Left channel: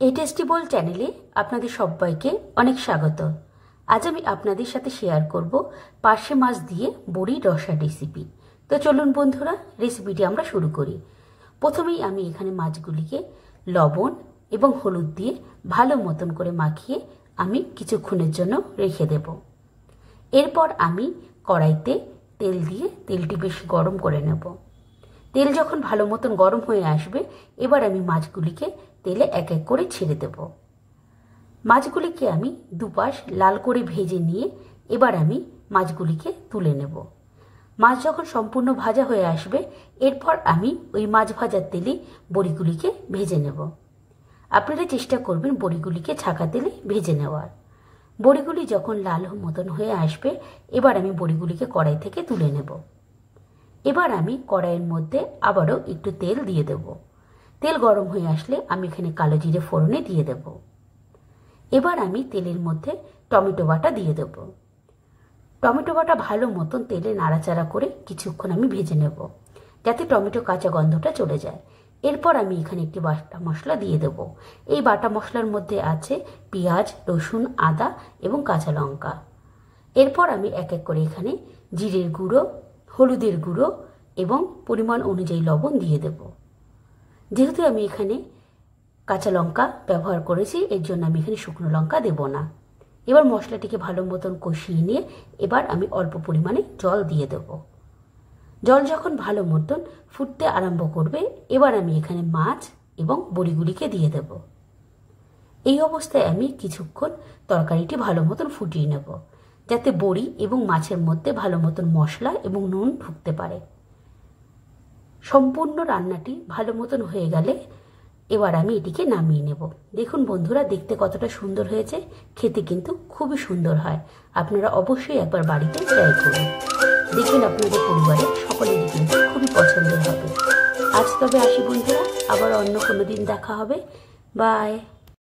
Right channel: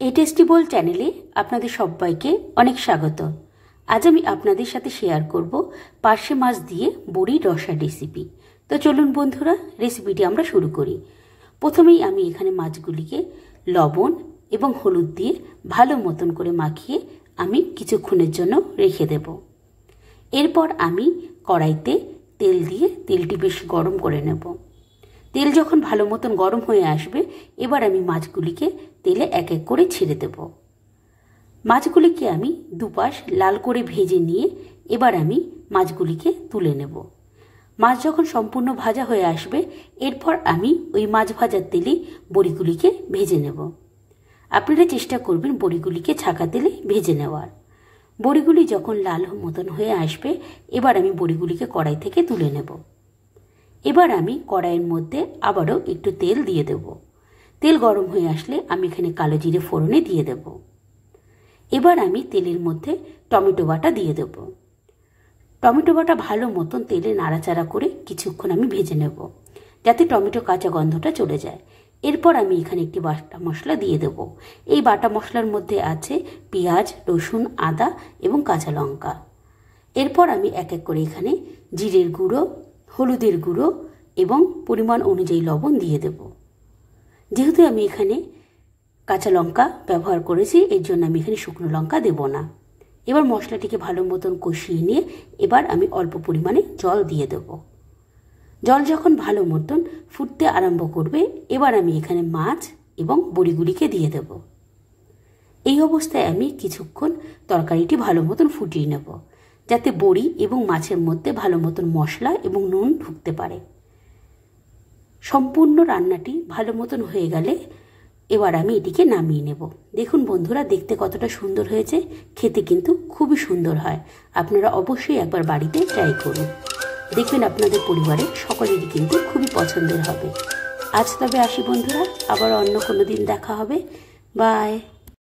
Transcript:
এই টেস্টি বোল চ্যানেলে আপনাদের সবাইকে অনেক স্বাগত। আজ আমি আপনাদের সাথে শেয়ার করব পার্শে মাছ দিয়ে বড়ির রসার রেসিপি। তো চলুন বন্ধুরা, রেসিপিটি আমরা শুরু করি। প্রথমেই আমি এখানে মাছগুলিকে লবণ এবং হলুদ দিয়ে ভালো মতন করে মাখিয়ে আমি কিছুক্ষণের জন্য রেখে দেব। এরপর আমি কড়াইতে তেল দিয়ে তেলটি বেশ গরম করে নেব। তেল যখন ভালো মতন গরম হয়ে আসবে, এবার আমি মাছগুলিকে তেলে এক এক করে ছেড়ে দেব। মাছগুলিকে আমি দুপাশ লাল করে ভেজে নিয়ে এবার আমি মাছগুলিকে তুলে নেব। মাছ যখন সম্পূর্ণ ভাজা হয়ে আসবে, এরপর আমি ওই মাছ ভাজার তেলেই বড়িগুলিকে ভেজে নেব। আপনারা চেষ্টা করবেন বড়িগুলিকে ছাকা তেলে ভেজে নেওয়ার। বড়িগুলি যখন লাল মতন হয়ে আসবে, এবার আমি বড়িগুলিকে কড়াই থেকে তুলে নেব। এবার আমি কড়াইয়ের মধ্যে আবারও একটু তেল দিয়ে দেব। তেল গরম হয়ে আসলে আমি এখানে কালো জিরে ফোড়নে দিয়ে দেব। এবার আমি তেলের মধ্যে টমেটো বাটা দিয়ে দেব। টমেটো বাটা ভালো মতন তেলে নাড়াচাড়া করে কিছুক্ষণ আমি ভেজে নেব, যাতে টমেটো কাঁচা গন্ধটা চলে যায়। এরপর আমি এখানে একটি বাটা মশলা দিয়ে দেব। এই বাটা মশলার মধ্যে আছে পেঁয়াজ, রসুন, আদা এবং কাঁচা লঙ্কা। এরপর আমি এক এক করে এখানে জিরের গুঁড়ো, হলুদের গুঁড়ো এবং পরিমাণ অনুযায়ী লবণ দিয়ে দেব। যেহেতু আমি এখানে কাঁচা লঙ্কা ব্যবহার করেছি, এর জন্য আমি এখানে শুকনো লঙ্কা দেব না। এবার মশলাটিকে ভালো মতন কষিয়ে নিয়ে এবার আমি অল্প পরিমাণে জল দিয়ে দেব। জল যখন ভালো মতন ফুটতে আরম্ভ করবে, এবার আমি এখানে মাছ এবং বড়িগুলিকে দিয়ে দেব। এই অবস্থায় আমি কিছুক্ষণ তরকারিটি ভালো মতন ফুটিয়ে নেব, যাতে বড়ি এবং মাছের মধ্যে ভালো মতন মশলা এবং নুন ঢুকতে পারে। সম্পূর্ণ রান্নাটি ভালো মতন হয়ে গেলে এবার আমি এটিকে নামিয়ে নেব। দেখুন বন্ধুরা, দেখতে কতটা সুন্দর হয়েছে, খেতে কিন্তু খুবই সুন্দর হয়। আপনারা অবশ্যই একবার বাড়িতে ট্রাই করুন, দেখবেন আপনাদের পরিবারের সকলেরই কিন্তু খুবই পছন্দের হবে। আজ তবে আসি বন্ধুরা, আবার অন্য কোনো দিন দেখা হবে। বাই।